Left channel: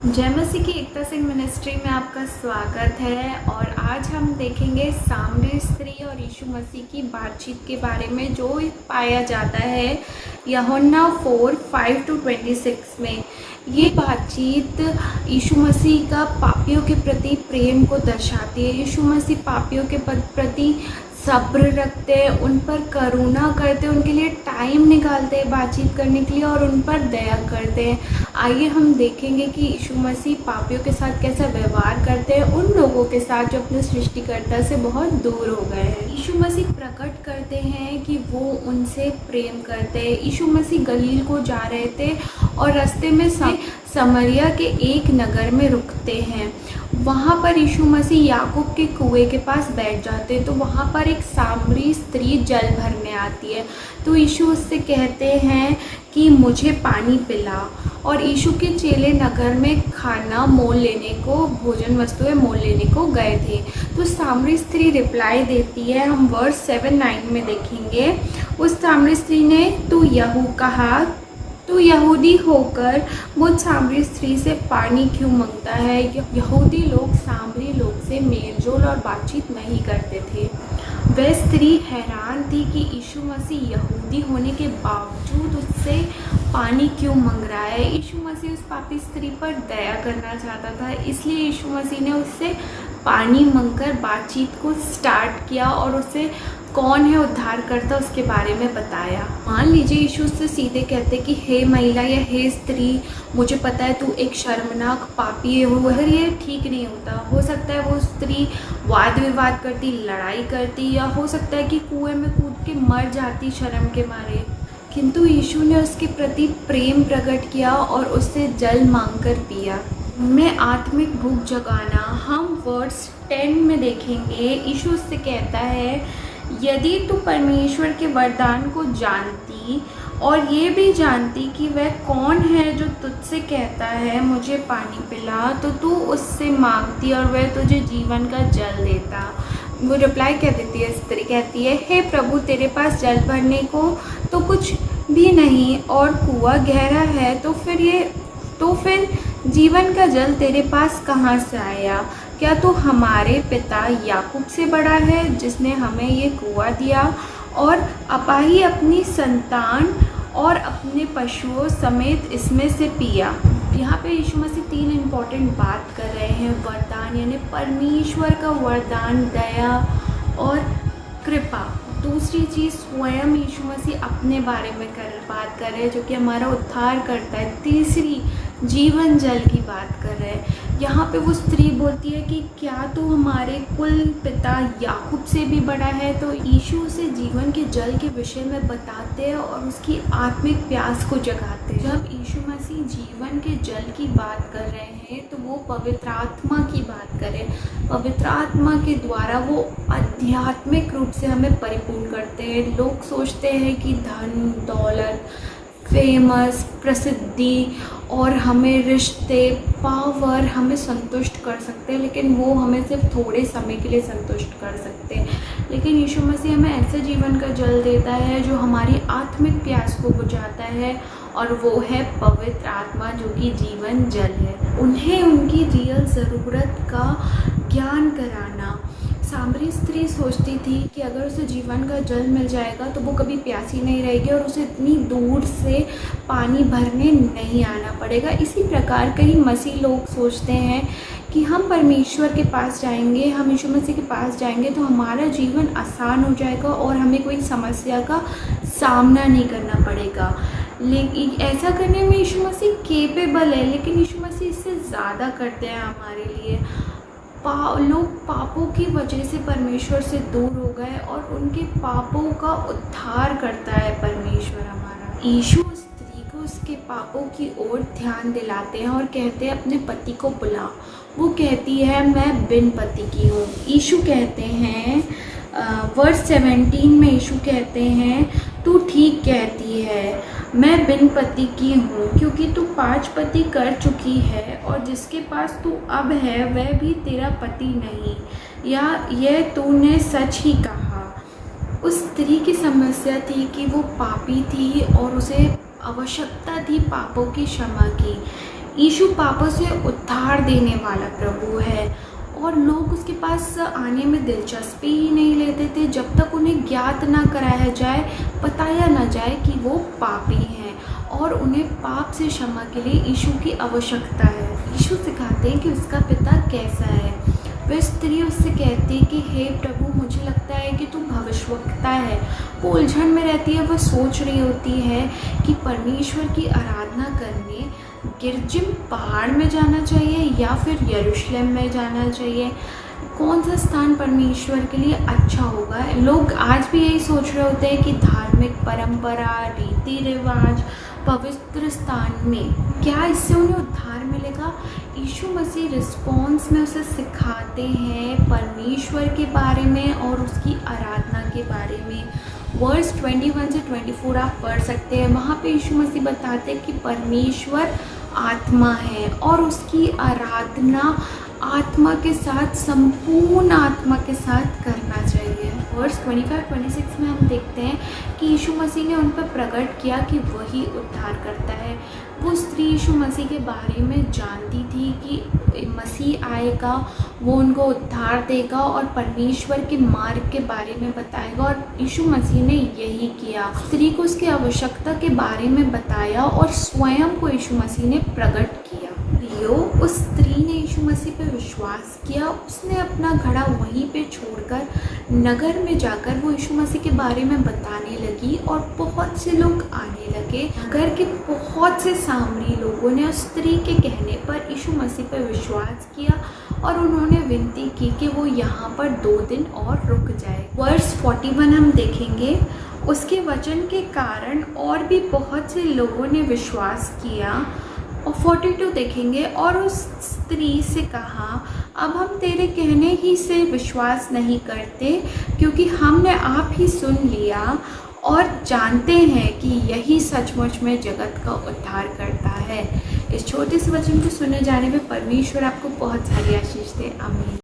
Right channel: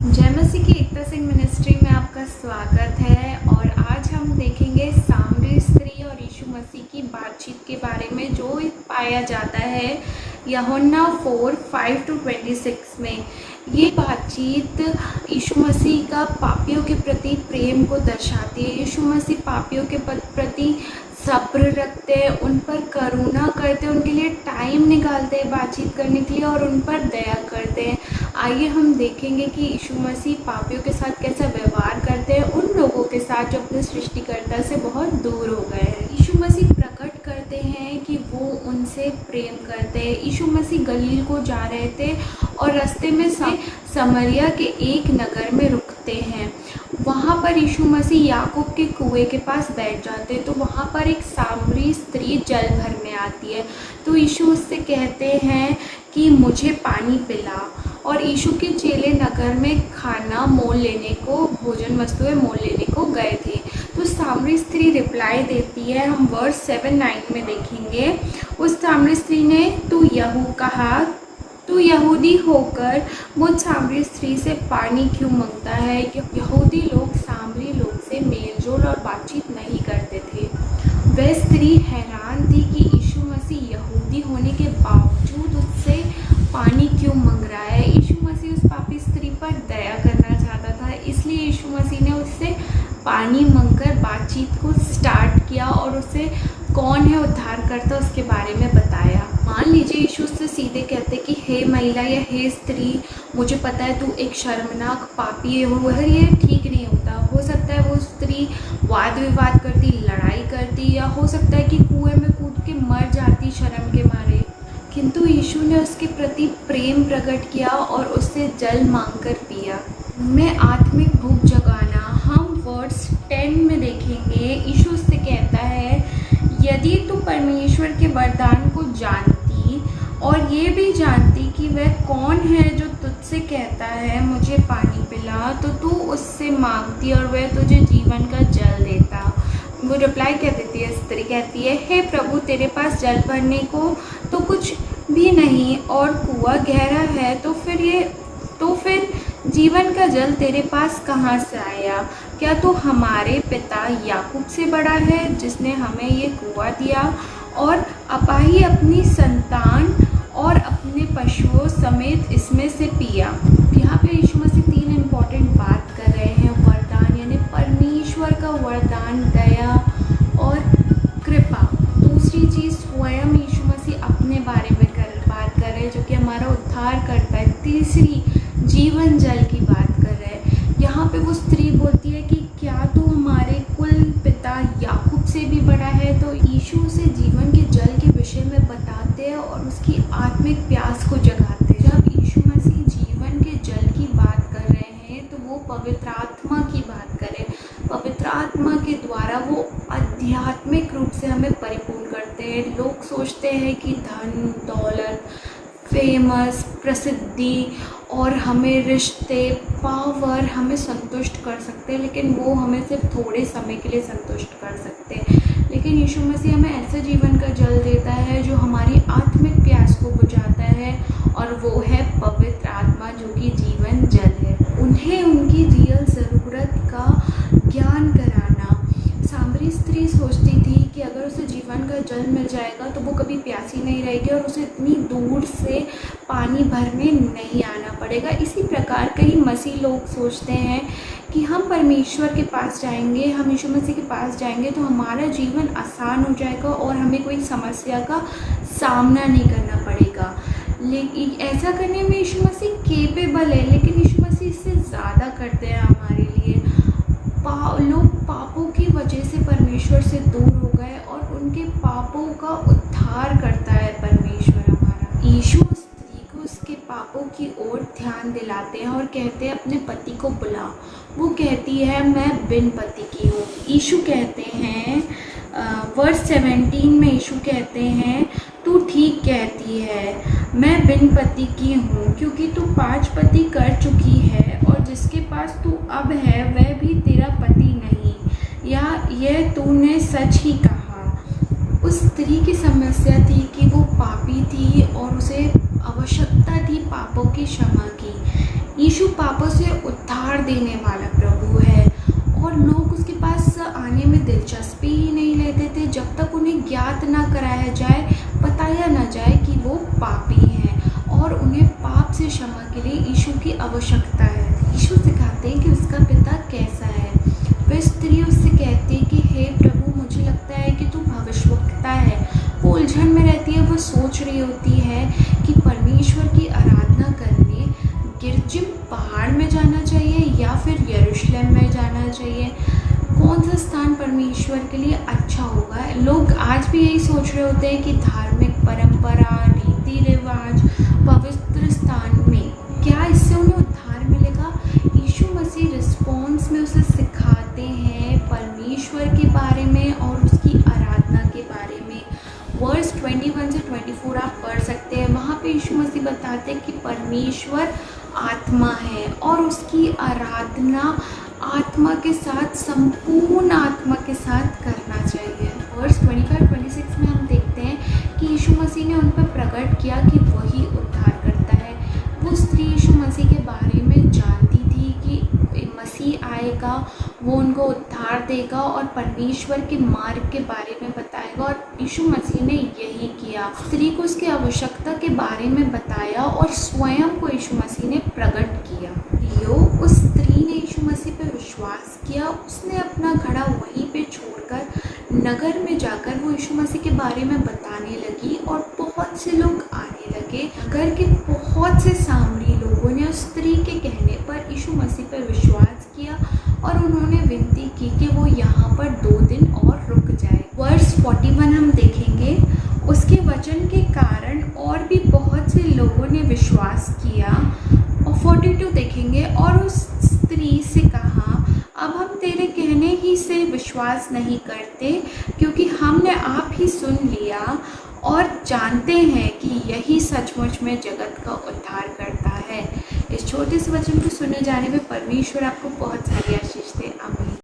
जय मसीह की एकता सिंह मिनिस्ट्री में आपका स्वागत है। और आज हम देखेंगे सामरी स्त्री और यीशु मसीह की बातचीत के बारे में, जो पाया जाता है यूहन्ना 4:5-26 में। ये बातचीत यीशु मसीह का पापियों के प्रति प्रेम को दर्शाती है। यीशु मसीह पापियों के प्रति सब्र रखते हैं, उन पर करुणा करते हैं, उनके लिए टाइम निकालते हैं बातचीत करने के लिए और उन पर दया करते हैं। आइए हम देखेंगे कि यीशु मसीह पापियों के साथ कैसा व्यवहार करते हैं, उन लोगों के साथ जो अपने सृष्टिकर्ता से बहुत दूर हो गए हैं। यीशु मसीह प्रकट करते हैं कि वो उनसे प्रेम करते हैं। यीशु मसीह गलील को जा रहे थे और रास्ते में समरिया के एक नगर में रुकते हैं। वहाँ पर यीशु मसीह याकूब के कुएं के पास बैठ जाते हैं, तो वहाँ पर एक सामरी स्त्री जल भरने आती है। तो यीशु उससे कहते हैं कि मुझे पानी पिला। और यीशु के चेले नगर में खाना मोल लेने को, भोजन वस्तुएं मोल लेने को गए थे। तो सामरी स्त्री रिप्लाई देती है, हम वर्स 7-9 में देखेंगे। उस सामरी स्त्री ने तू यहूदी होकर मुझ सामरी स्त्री से पानी क्यों मांगता है। यहूदी लोग सामरी लोग से मेलजोल और बातचीत नहीं करते थे। वह स्त्री हैरान थी कि यीशु मसीह यहूदी होने के बावजूद उससे पानी क्यों मांग रहा है। यीशु मसीह उस पापी स्त्री पर दया करना चाहता था, इसलिए यीशु मसीह ने उससे पानी मांगकर बातचीत को स्टार्ट किया और उसे कौन है उद्धारकर्ता उसके बारे में बताया। मान लीजिए यीशु उससे सीधे कहते कि हे महिला या हे स्त्री, मुझे पता है तू एक शर्मनाक पापी है। वो अगर ये ठीक नहीं होता, हो सकता है वो स्त्री वाद विवाद करती, लड़ाई करती, या हो सकता है कि कुएं में कूद के मर जाती शर्म के मारे। किंतु यीशु ने उसके प्रति प्रेम प्रकट किया और उससे जल मांगकर पिया। मैं आत्मिक भूख जगाना, हम वर्स 10 में देखेंगे। यीशु उससे कहता है, यदि तू परमेश्वर के वरदान को जानती और ये भी जानती कि वह कौन है जो तुझसे कहता है मुझे पानी पिला, तो तू उससे मांगती और वह तुझे जीवन का जल देता। वो रिप्लाई क्या देती है, स्त्री कहती है, हे प्रभु, तेरे पास जल भरने को तो कुछ भी नहीं और कुआं गहरा है, तो फिर जीवन का जल तेरे पास कहाँ से आया। क्या तू हमारे पिता याकूब से बड़ा है जिसने हमें ये कुआं दिया और अपाही अपनी संतान और अपने पशुओं समेत इसमें से पिया। यहाँ पे यीशु मसीह 3 इम्पॉर्टेंट बात कर रहे हैं। वरदान यानी परमेश्वर का वरदान, दया और कृपा। दूसरी चीज़ स्वयं यीशु मसीह अपने बारे में बात कर रहे हैं, जो कि हमारा उद्धार करता है। तीसरी जीवन जल की बात कर रहे हैं। यहाँ पे वो स्त्री बोलती है कि क्या तू हमारे कुल पिता याकूब से भी बड़ा है। तो यीशु उसे जीवन के जल के विषय में बताते हैं और उसकी आत्मिक प्यास को जगाते हैं। जब यीशु मसीह जीवन के जल की बात कर रहे हैं तो वो पवित्र आत्मा की बात करें। पवित्र आत्मा के द्वारा वो आध्यात्मिक रूप से हमें परिपूर्ण करते हैं। लोग सोचते हैं कि धन दौलत, फेमस, प्रसिद्धि और हमें रिश्ते, पावर हमें संतुष्ट कर सकते हैं, लेकिन वो हमें सिर्फ थोड़े समय के लिए संतुष्ट कर सकते हैं। लेकिन यीशु मसीह हमें ऐसे जीवन का जल देता है जो हमारी आत्मिक प्यास को बुझाता है, और वो है पवित्र आत्मा, जो कि जीवन जल है। उन्हें उनकी रियल ज़रूरत का ज्ञान कराना। सामरी स्त्री सोचती थी कि अगर उसे जीवन का जल मिल जाएगा तो वो कभी प्यासी नहीं रहेगी और उसे इतनी दूर से पानी भरने नहीं आना पड़ेगा। इसी प्रकार कई मसीह लोग सोचते हैं कि हम परमेश्वर के पास जाएंगे, हम यीशु मसीह के पास जाएंगे तो हमारा जीवन आसान हो जाएगा और हमें कोई समस्या का सामना नहीं करना पड़ेगा। लेकिन ऐसा करने में यीशु मसीह केपेबल है, लेकिन यीशु मसीह इससे ज़्यादा करते हैं हमारे लिए। लोग पापों की वजह से परमेश्वर से दूर हो गए और उनके पापों का उद्धार करता है परमेश्वर हमारा। यीशु उस स्त्री को उसके पापों की ओर ध्यान दिलाते हैं और कहते हैं अपने पति को बुला। वो कहती है मैं बिन पति की हूँ। यीशु कहते हैं वर्स 17 में यीशु कहते हैं, तू ठीक कहती है, मैं बिन पति की हूँ, क्योंकि तू 5 पति कर चुकी है और जिसके पास तू अब है वह भी तेरा पति नहीं, या यह तूने सच ही कहा। उस स्त्री की समस्या थी कि वो पापी थी और उसे आवश्यकता थी पापों की क्षमा की। यीशु पापों से उद्धार देने वाला प्रभु है और लोग उसके पास आने में दिलचस्पी ही नहीं लेते थे जब तक उन्हें ज्ञात ना कराया जाए, बताया ना जाए कि वो पापी हैं और उन्हें पाप से क्षमा के लिए यीशु की आवश्यकता है। यीशु सिखाते हैं कि उसका पिता कैसा है। वह स्त्री उससे कहती है कि हे प्रभु, मुझे लगता है कि तू भविष्यवक्ता है। वो उलझन में रहती है, वो सोच रही होती है कि परमेश्वर की आराधना करने गिरजिम पहाड़ में जाना चाहिए या फिर यरूशलेम में जाना चाहिए, कौन सा स्थान परमेश्वर के लिए अच्छा होगा। लोग आज भी यही सोच रहे होते हैं कि धार्मिक परंपरा, रीति रिवाज, पवित्र स्थान में क्या इससे उन्हें उद्धार मिलेगा। यीशु मसीह रिस्पॉन्स में उसे सिखाते हैं परमेश्वर के बारे में और उसकी आराधना के बारे में। वर्स 21 से 24 आप पढ़ सकते हैं। वहाँ पे यीशु मसीह बताते हैं कि परमेश्वर आत्मा है और उसकी आराधना आत्मा के साथ, संपूर्ण आत्मा के साथ करना चाहिए। वर्स 25-26 में हम देखते हैं कि यीशु मसीह ने उन पर प्रकट किया कि वही उद्धार करता है। वो स्त्री यीशु मसीह के बारे में जानती थी कि मसीह आएगा, वो उनको उद्धार देगा और परमेश्वर के मार्ग के बारे में बताएगा, और यीशु मसीह ने यही किया। स्त्री को उसकी आवश्यकता के बारे में बताया और स्वयं को यीशु मसीह ने प्रकट किया। उस स्त्री ने यीशु मसीह पर विश्वास किया। उसने अपना घड़ा वहीं पे छोड़कर नगर में जाकर वो यीशु मसीह के बारे में बताने लगी और बहुत से लोग आने लगे। नगर के बहुत से सामरी लोगों ने उस स्त्री के कहने पर यीशु मसीह पर विश्वास किया और उन्होंने विनती की कि वो यहाँ पर 2 दिन और रुक जाए। वर्स 41 हम देखेंगे। उसके वचन के कारण और भी बहुत से लोगों ने विश्वास किया। और 42 देखेंगे। और उस स्त्री से कहा, अब हम तेरे कहने ही से विश्वास नहीं करते, क्योंकि हमने आप ही सुन लिया और जानते हैं कि यही सचमुच में जगत का उद्धार करता है। इस छोटे से वचन को सुने जाने पे परमेश्वर आपको बहुत सारी आशीष दे। आमीन।